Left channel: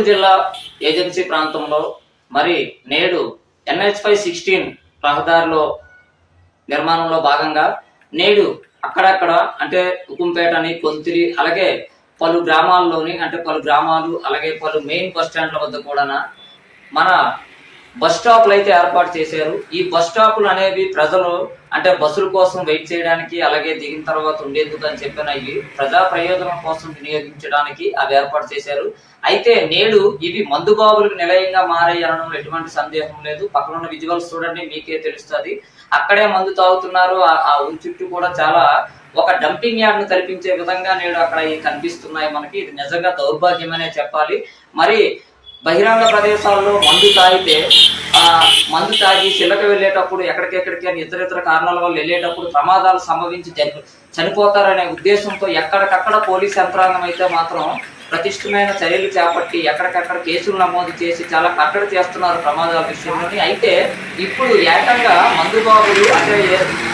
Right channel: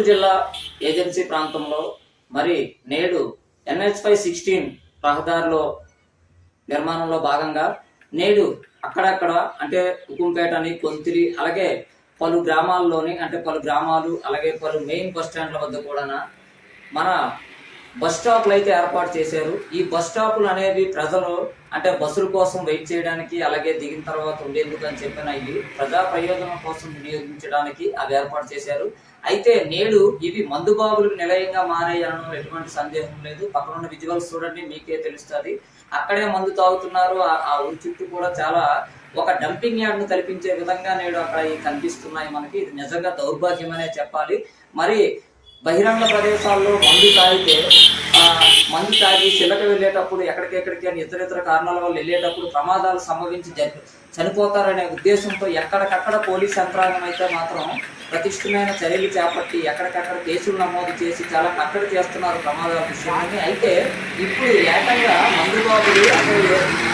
చిత్తూరు జిల్లా ఏజెన్సీ ప్రాంతంలో మరి నేడు ఎన్హెచ్ ఫైవ్ సిక్స్టీన్ రహదారిలో నిర్మాణంలో భాగంగా నేడు అక్కడక్కడ అంటే ఉకుంపేట అని కొంతిరి అలాగే పలు గ్రామాల్లోని అంటే పలు గ్రామాలు అలాగే పలు మెయిన్ బస్ స్టాండ్ల వద్ద కూడా మన బస్ స్టాప్లు అయితే ఏర్పాటు చేశారు. ఈ బస్ స్టాపులు అనేవి ప్రజలు అంటే బస్సుల కోసం వెయిట్ చేయడానికి అలాగే దిగిన తర్వాత ఉండేందుకు అని చెప్పిన ఇవి ప్రజా ప్రయోజనం కోసం వినియోగించడానికి అవి ఏర్పాటు చేశారు. అయితే నేడు ఇవి మందుబాబులకు నిలయంగా మారాయి అనడం ఎటువంటి సందేహం లేదు. పక్కన ఉన్న విజువల్స్ చూడండి మీకే తెలుస్తుంది. అక్కడే మందు తాగుతున్నారు. ఆ- ఆ ఊరి చుట్టూ కూడా చాలా ఒక డంపింగ్ యార్డ్ను కల్పించే విధంగా నేడు అక్కడ ఇవి కనిపిస్తున్నాయి మనకి. ఇది నిజంగా దౌర్భాగ్యమనే చెప్పాలి. మరి బహిరంగ ప్రదేశాల్లో మందు తాగితే మందు తాగి చిల్లక వెళ్ళేటప్పుడు ఎక్కడికెక్కడికి అని ఇతర ఇతర కారణాల వల్ల వెళ్ళేటప్పుడు ప్రమాదాలు సంభవించి చనిపోతారనే ఉద్దేశంతో ఎక్కడికక్కడ పోలీస్ యంత్రాంగం అయితే మాత్రం ప్రతిష్టమైన చర్యలు చేపట్టి ఎక్కడికక్కడ కేసులు నమోదు చేసి చాలా కట్టడి చేస్తున్నారు ప్రమాదాల విషయాన్ని. అయితే ఇప్పుడు ఏకంగా మందు బాబులు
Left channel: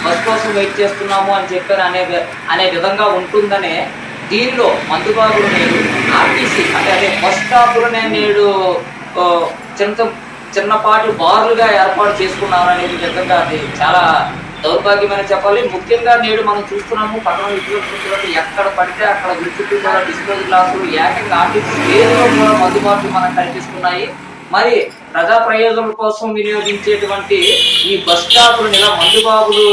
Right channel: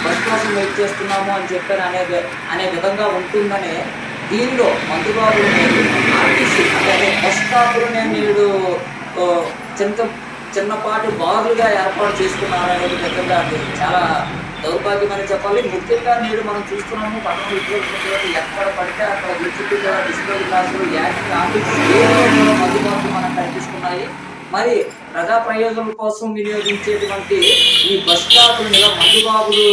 బస్ కోసం వెయిట్ చేస్తున్నాము అని చెప్పారు అనే అనే విధంగా ఉంటుందనే దీనిలో మందు బాబులు బస్ నేను నేడు చిన్న చిన్నపాటి బార్లుగా ఏర్పాటు చేసుకున్నారనేది విధంగా అది చాలా దౌర్భాగ్యమని చెప్పాలి. ముఖ్యంగా నేడు మనం చూస్తున్నాము పట్టణ విద్యార్థులకు ఎక్కడ పడితే అక్కడ విద్యుత్ డిజిటల్ క్లాసులు యాక్ట్ కాపీ మనకు కనిపిస్తున్నాయి. మరి ప్రజా ప్రయోజనం కోసం వినియోగించేటువంటి ఈ బస్ స్టాపులను ఇలా మందుబాబులు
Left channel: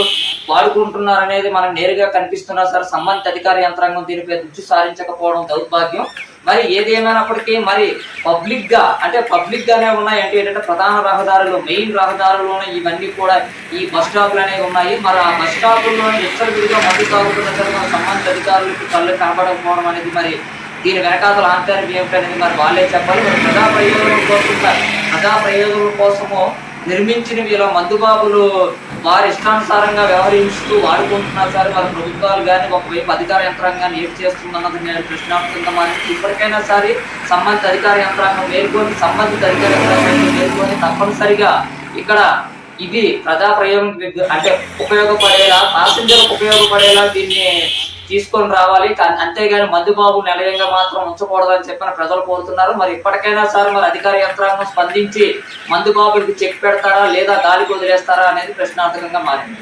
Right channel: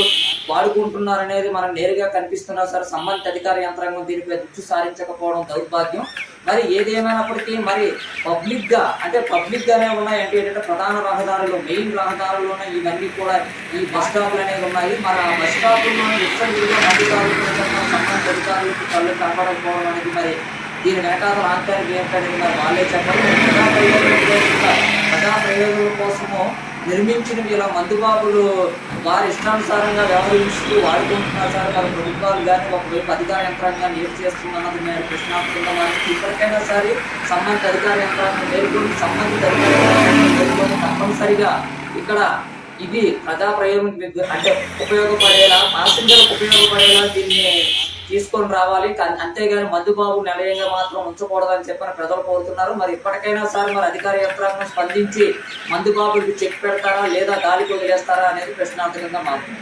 వాడుకుంటున్నారు అనేది మనం నేరుగా కనిపిస్తున్నా సార్ సంబంధిత అధికార యంత్రాంగం దీనిపై దృష్టి సారించకపోవడం దౌర్భాగ్యం. మరి ఏదేమైనప్పటికీ మరి పబ్లిక్గా అంటే పబ్లిక్గానే ఉన్నాయి అంటే ఏంటంటే ప్రధాన రహదారులు మెయిన్ రహదారుల్లోనే ఇవన్నీ కూడా ఈ బస్ స్టాప్లు అనేవి ఉన్నాయి. మరి ఆ బస్ స్టాపుల్లో విస్తృతంగా మంది తాగుతున్న సంబంధిత అధికారులకు కళ్ళు కనబడకపోవడం అనేది మరి దీని వెనకాల ఆంతర్యం ఏంటనేది మరి వాళ్ళే చెప్పాలి ప్రజా ప్రయోజనం కోసం ప్రజా ప్రయోజనం కోసము నిర్మించినవి ఇలా మందుబాబులు వారి ఇష్టానుసారంగా వ్యవహరిస్తూ వాడుకుంటున్నారు సార్ వారి ప్రభుత్వాలు కానీ ఒకవైపు అధికార యంత్రాంగాన్ని ఏం చేస్తున్నది మేము ప్రశ్నార్థంగా ఇప్పటికైనా సరే సంబంధిత అధికార యంత్రాంగం మేల్కొని సంబంధిత తప్పనిసరిగా ఇక్కడ ఇది ప్రజా ప్రయోగం అంటే ఉపయోగపడేలా ప్యాసింజర్లకు ఉపయోగపడేలా దీన్ని తీసుకొని రావాలి. కా- అంతేగాని మందుబాబు నిలయంగా మాత్రం ఉంచకూడదని చెప్పిన ప్రజలు కోరుతున్నారు. మరి ఇప్పటికైనా సార్ మరి అధికార యంత్రాంగం స్పందించి మందుబాబులకు చెక్ పెడతారా లేదా గాలికి వదిలేస్తారా అనేది ప్రశ్నార్థకంగా మారింది.